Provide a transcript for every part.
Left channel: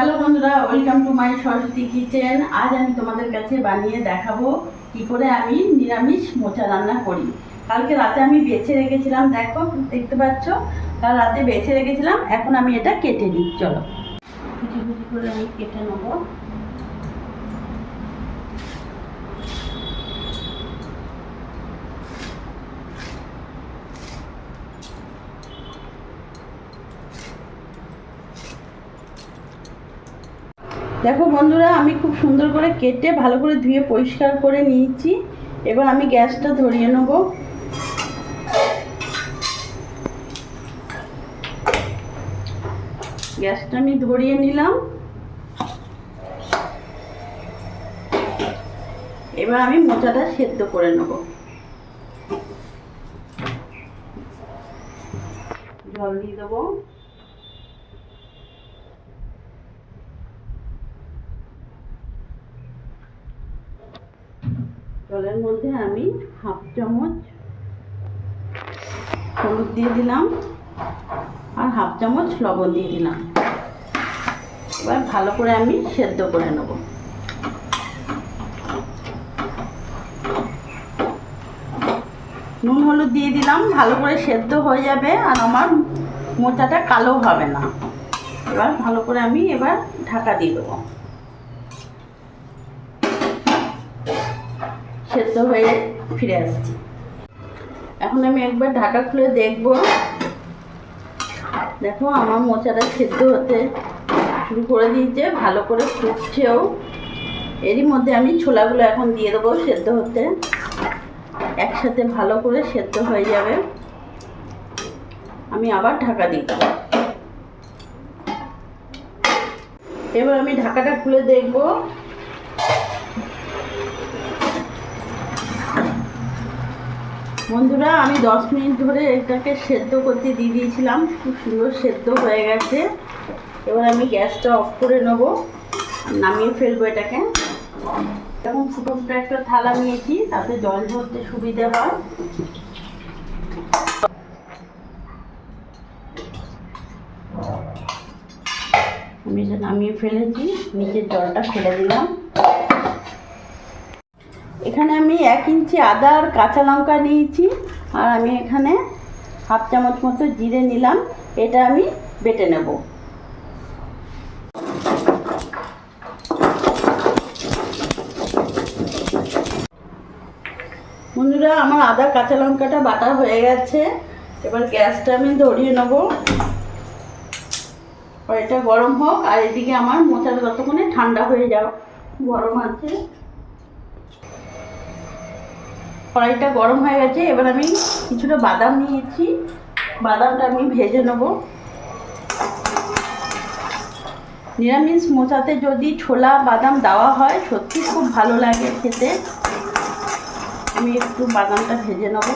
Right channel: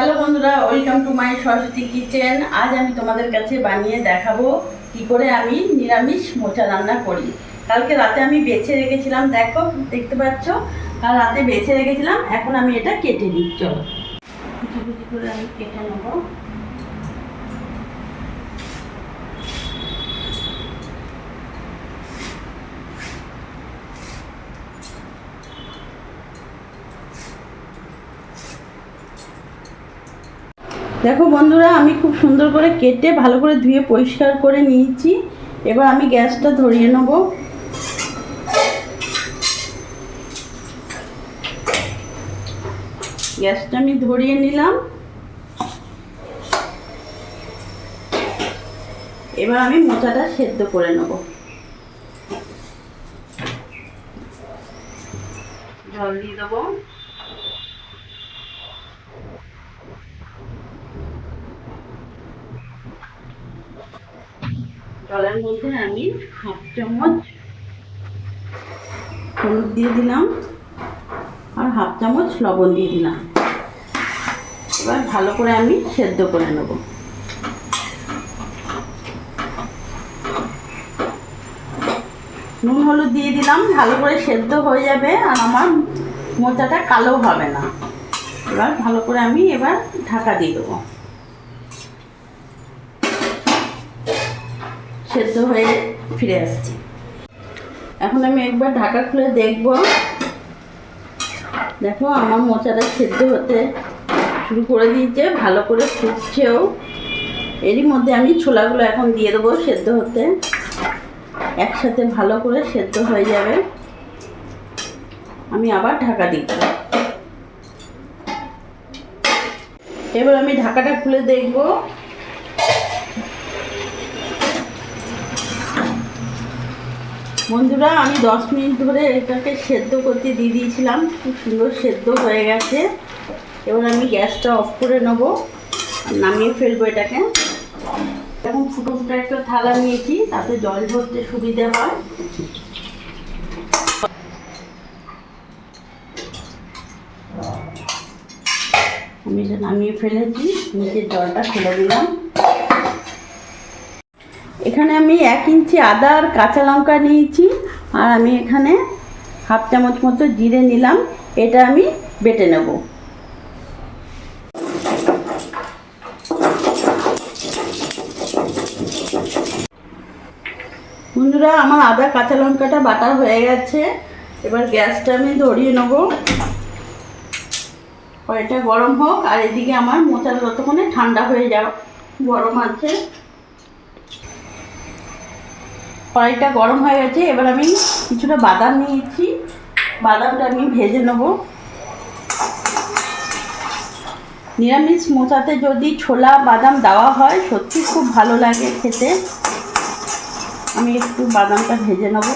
Hello বন্ধুরা welcome to my Saraswati kitchen আজ আমি তোমাদের কাছে বানিয়ে দেখাবো কি করে আমি নিরামিষ মোচা রান্না করি। কালকে রাতে আমি বেছে রেখেছিলাম, দেখো, দেখতে পাচ্ছ? কাল রাতে বেছে রেখেছিলাম, এখন আমি এটা কেটে নিই, চলো। কিছু কিছু করে আমি কেটে নেব। দেখো বন্ধুরা, আমি খুব সুন্দর করে কেটে ভালো করে ধুয়ে পরিষ্কার করে নিয়েছি। এবার আমি গ্যাসটা ধরিয়ে নেব। গ্যাসটা আমি ধরিয়ে নিলাম। এবার আমি মোচাটা সেদ্ধ করে নেব। জল দিয়ে দেবো। জলের মধ্যে আমি হাফ চামচ হলুদ দিয়ে দিলাম আর হাফ চামচ লবণ দিয়ে দিলাম। এবার ভালো করে আমি সেদ্ধ করে নেব। নুন, হলুদ দিয়ে দিলাম, ভালো করে সেদ্ধ হয়ে যাবে আর আমার মোচাটা কালো হবে না। এবার ভালো করে আমি এবার ঢাকা দিয়ে দেবো। সেদ্ধ হয়ে ফিরে আসছি। এখন আমি একবার ঢাকা খুলে দেখব। দেখো, আমার মোচাটা সেদ্ধ হতে শুরু করে দিয়েছে, ভালো করে ফুটছেও। এরই মধ্যে আমি ছোলাগুলো এখন দিয়ে দেবো সেদ্ধ হতে। একসাথে ভালো করে সেদ্ধ হয়ে যাবে। আমি আবার ঢাকা দিই এবার আমি ঢাকাটা খুলে দেখব। বন্ধুরা, আমি দশ মিনিট ধরে এটাকে সেদ্ধ করতে দিয়ে দিয়েছিলাম। খুব সুন্দর সেদ্ধ হয়ে গেছে। এবার আমি গ্যাসটা অফ করে নেব নামিয়ে ফেলব এটাকে। এখন ফুটো ফুটো একটা থালা নিয়েছি, তাতে জল ধরতে সুবিধে হয়। আমি এটা নামিয়ে ফেলেছি, নিচের জলটা ফেলে দিলাম। এখানে আমি এক ইঞ্চি আদা আর কাঁচা লঙ্কা নিয়েছি, আর আমি এখানে হাফ চামচ মতো জিরে নিলাম, এটা আমি বেটে নেব। বন্ধুরা, আমার আদা কাঁচা লঙ্কাটা বাটা হয়ে গেছে, এবার গ্যাসটা আমি ধরিয়ে নেব। এটা গরম হোক, আর এদিকে আমার মোচার যতক্ষণে ঠান্ডা হয়ে যাও গরম আছে। কড়াইটা গরম হয়ে গেছে, এবার আমি কিছুটা বাদাম নিয়েছি। বাদামটা আমি ভেজে নেব। নিরামিষ মোচাতে যদি ছোলা, বাদাম দেওয়া হয়, সত্যি খুব ভালো লাগে খেতে। আমি একটু বাদামটা ভেজে নেব।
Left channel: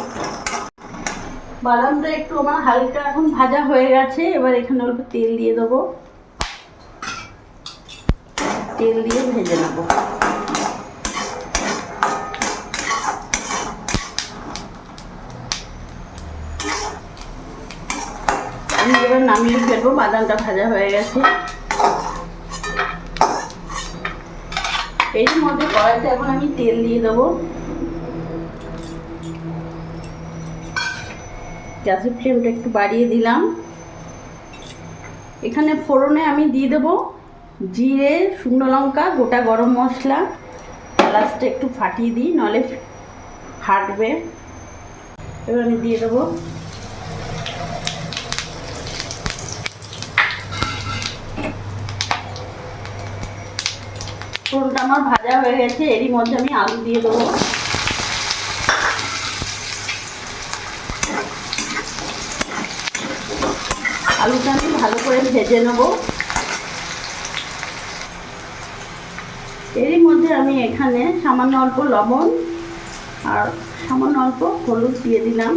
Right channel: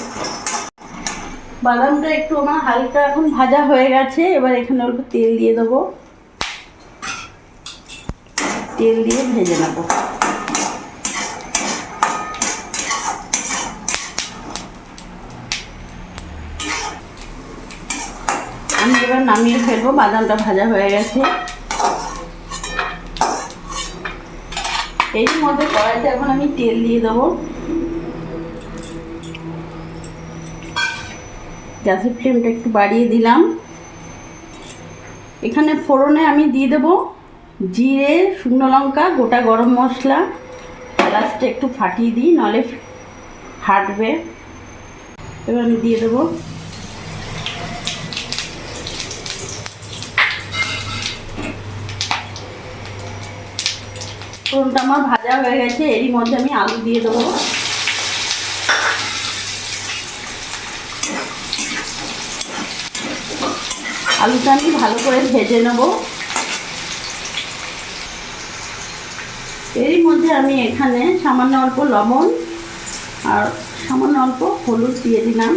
বাদামটা একটু আমার হালকা এখন ভাজা হয়ে গেছে, এবার এখানে অল্প তেল দিয়ে দেবো। তেল দিয়ে ভেজে নেব আমি এবার নামিয়ে ফেলব বাদামটা ভাজা হয়ে গেছে। এর মধ্যে কড়াইতে এখন আমি তেল দিয়ে দেবো। গ্যাসের ফ্লেমটা একটু বাড়িয়ে দিলাম। এখানে ফোড়নে আমি দিয়ে দেবো জিরে, শুকনো লঙ্কা, গোটা গরম মশলা। এলাচটা একটু ফাটিয়ে দিই, নলে ফাটবে। এবার আমি দিয়ে দেবো ফোড়নটা আমার ভাজা হয়ে গেছে, এরই মধ্যে আমি আলু দিয়ে দেবো। আলুটা আমি ভালো করে ভেজে নেব। এরই মধ্যে আমি এখানে সামান্য অল্প লবণ আর সামান্য অল্প হলুদ দিয়ে দিলাম।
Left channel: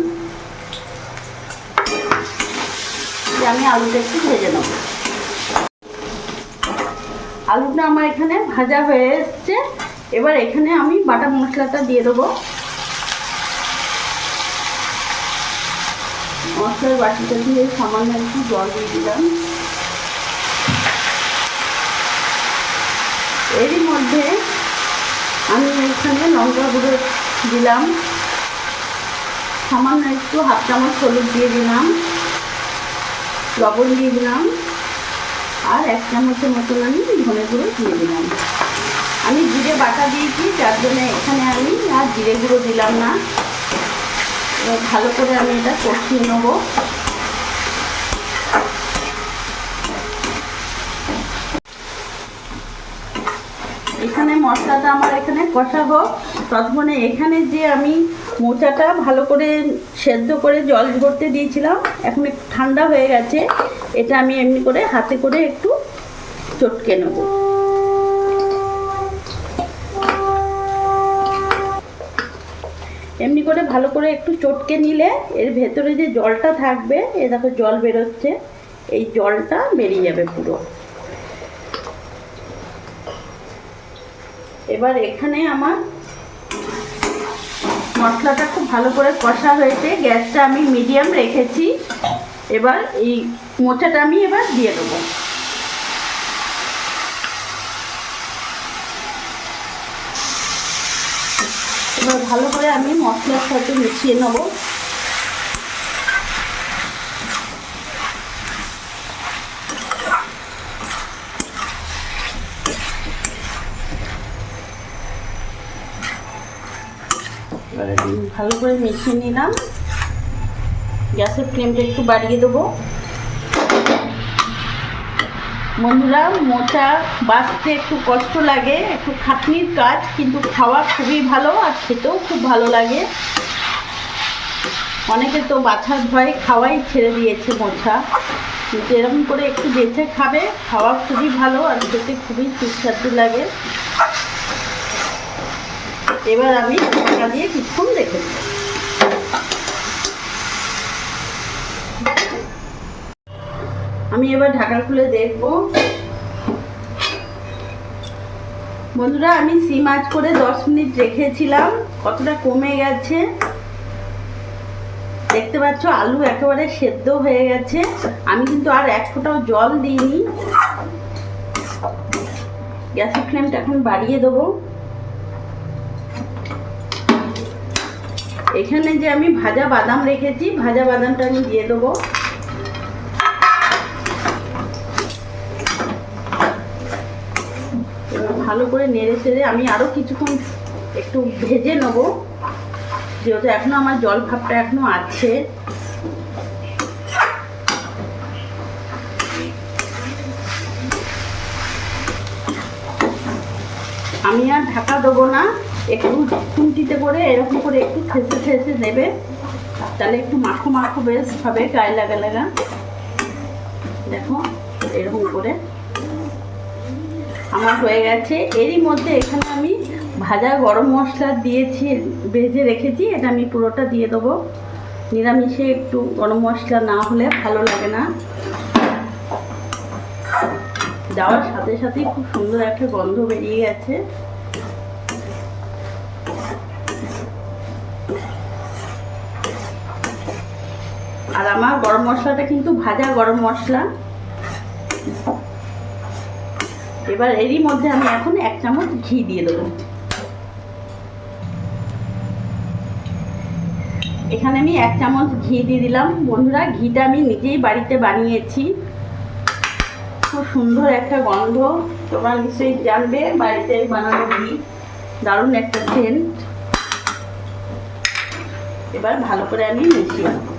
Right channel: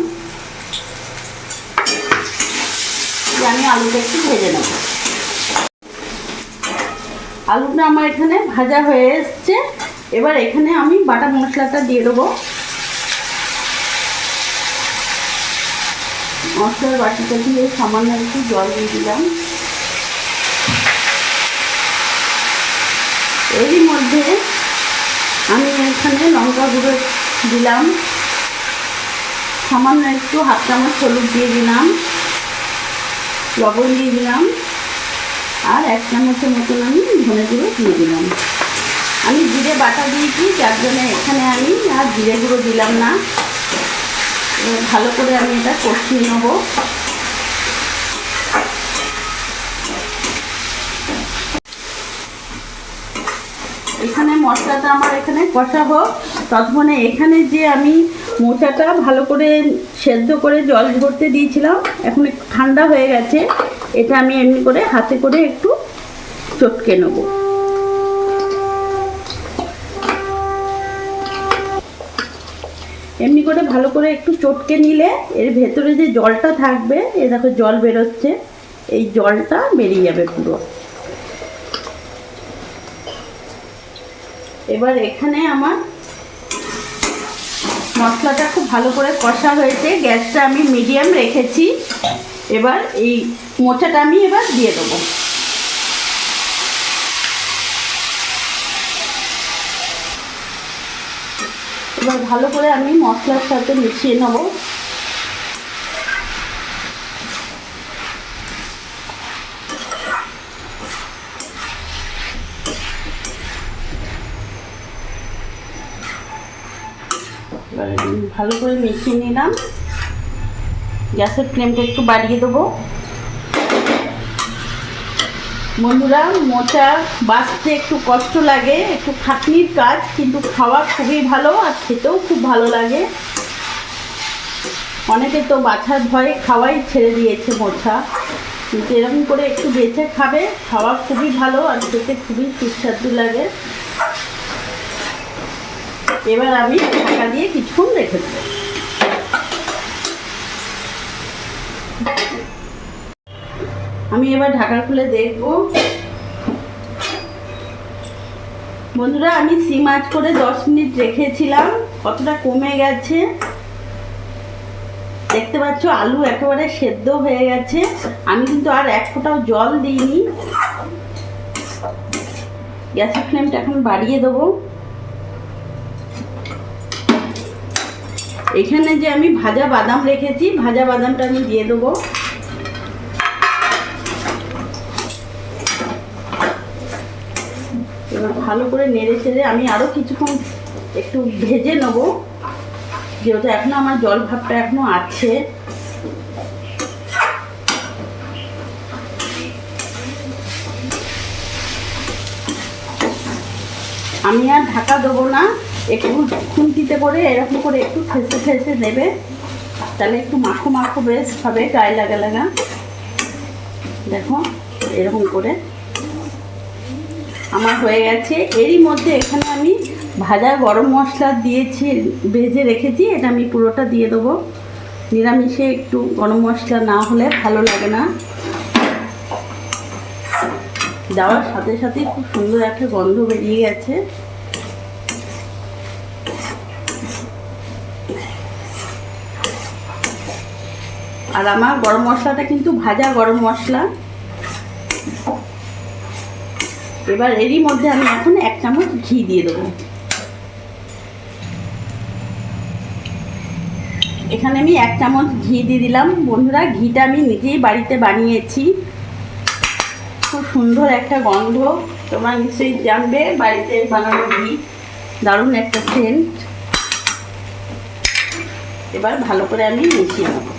আমি আলুটা একটু ভেজে নেব। আলুটা আমার এখানে ভাজা হয়ে এসছে। এবার এখানে আমি বাটা মশলাটা দিয়ে দেবো। মশলার বাটিটা দিয়ে সামান্য একটু জল দিয়ে দিলাম। এরই মধ্যে আমি এখানে লঙ্কা গুঁড়ো দিলাম। সামান্য একটু হাফ চামচ হলুদ দিয়ে দিলাম। লবণ দিয়ে দিলাম। আর এক চামচের মতন আমি ধনে গুঁড়ো দিয়ে দিলাম। আমি জিরে বাটা দিয়েছি, যার জন্য এখানে আমি আর জিরে গুঁড়ো দিলাম না। ভালো করে আমি এটা কষিয়ে নেব। এখানে মশলাটা আমার এখানে কষাবো। ততক্ষণে এখানে যে আমি মোচাটা ভালো করে সেদ্ধ করে জল ভরতে দিয়েছিলাম, এখন ঠান্ডা হয়ে গেছে। এটা আমি এমনি করে হাতে করে একটু চটকে নেব। এমনি করে ভালো করে একটু চটকে নিলে এর ভেতরে যে জলটা থাকবে, এ দেখো জল বেরোচ্ছে, এই জলটা বেরিয়ে যাবে পুরো। এবার এখানে আমার মশলাটা খুব ভালো করে কষা হয়েছে, গ্যাসটা আমি মিডিয়াম রেখেছি। এবার এই মোচাটা আমি এবার দিয়ে দেবো। এবার ভালো করে আমি মশলার সাথে মিশিয়ে নেব। ভালো করে মিশিয়ে নিলাম। গ্যাসের ফ্লেমটা একটু বাড়িয়ে দেবো। বন্ধুরা, মোচা বাঁচতে একটু কষ্ট লাগে, একটু খাটনির কাজ, কিন্তু খাওয়া খুবই ভালো আর খেতেও খুব ভালো লাগে। অনেকে তো বাছার ভয়ে খাওয়াই ছেড়ে দিয়েছে মোচা, কিন্তু এরকম করে একটু বেছে খাবে, খাওয়া খুবই ভালো আর খেতে খুবই সুস্বাদু লাগে। এবার আমি দিয়ে কিছুক্ষণ দেবো। আমি এবার ঢাকা খুলে দেখব। বন্ধুরা, আমি সিম মাছ করে দশ মিনিট রেখেছিলাম, কতটা কমে গেছে? দেখতে পাচ্ছ, আলু একেবারে সেদ্ধ হয়ে গেছে। আমি কিন্তু আর এক ফোঁটাও জল দিইনি। গ্যাসের ফ্লেমটা এখন বাড়িয়ে দেবো। এখানে যে আমি ভাজা বাদাম রেখেছি, ভাজা বাদামটা আমি দিয়ে দেবো এবার ভালো করে নেড়ে চেড়ে আমি আরও কিছুক্ষণ একটু ভেজে নেব। যেহেতু এখনও আমার জল ভাবটা এখনও আছে। আমি আর ঢাকা দেবো না, একটু খুন্তিতে করে এরকম করে একটু ফেসে ফেসে দেবে তাহলে একটু মাখো মাখো বেশ হবে, গায়ে লাগা লাগা। দেখো, এরকম করে। আমার হয়ে গেছে। এরই মধ্যে এখানে আমি ভাজা গরম মশলা দিয়েছি, ভেজে রেখেছি। এটা আমি পুরোটা দিয়ে দেবো। নিরামিষে একটু গরম মশলা না হলে ভালো লাগে না। দেওয়ার সাথে সাথে খুব সুন্দর একটা গন্ধ বেরিয়ে গেছে। আর আমার গরম মশলাটা কিন্তু ভাজা গরম মশলা। এবার এরই মধ্যে আমি এখন এক চামচ ঘি দিয়ে দেবো। এখানে আমি এক চামচ ঘি দিয়ে দিলাম। বন্ধুরা, ঘিটা আমি নিজেই বাড়িতে বানিয়েছি। খুব সুন্দর একটা গন্ধ। তোমরা নিশ্চয়ই জানবে, বাড়িতে বানানো ঘি দারুণ একটা সেন্ট এবার ভালো করে আমি মিশিয়ে নেব।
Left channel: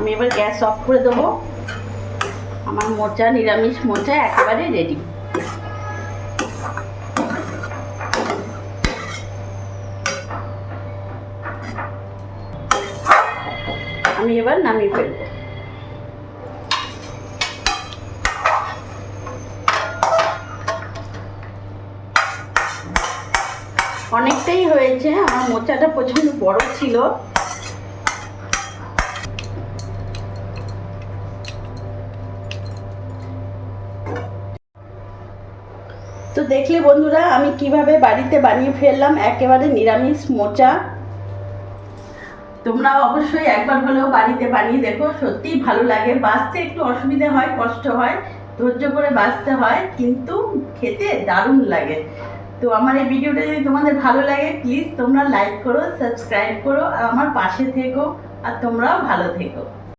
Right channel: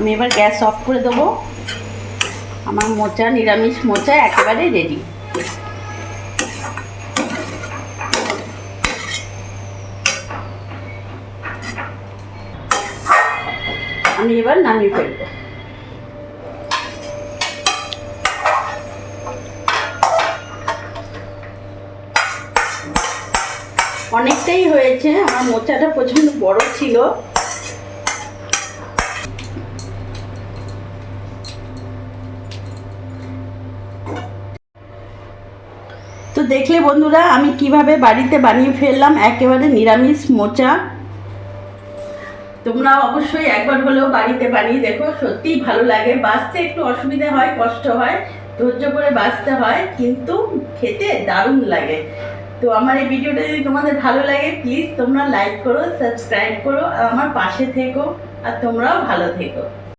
আমি এবার গ্যাস অফ করে দেবো। আমার মোচা, নিরামিষ মোচা একেবারে রেডি আমি এবার নামিয়ে ফেলব। অনেকটাই হয়েছে, আমার মোচাটা প্রচণ্ড বড় ছিল। দেখলে বন্ধুরা, আমি কীভাবে বাড়িতে বানিয়ে ফেললাম? একেবারে নিরামিষ মোচা। তোমরা অবশ্যই একবার হলেও বাড়িতে বানিয়ে দেখো, সত্যিই ভালো লাগে। বাঁচতে একটু অসুবিধা হয়, কষ্ট হয়, ধৈর্য করে বাঁচতে হয়, কিন্তু খেতে দারুণ লাগে। তো আমার এই ভিডিওটা যদি তোমাদের ভালো লাগে প্লিজ তোমরা লাইক করো সাবস্ক্রাইব করো, আর আমার পাশে থেকো, আর তোমরাও ভালো থেকো।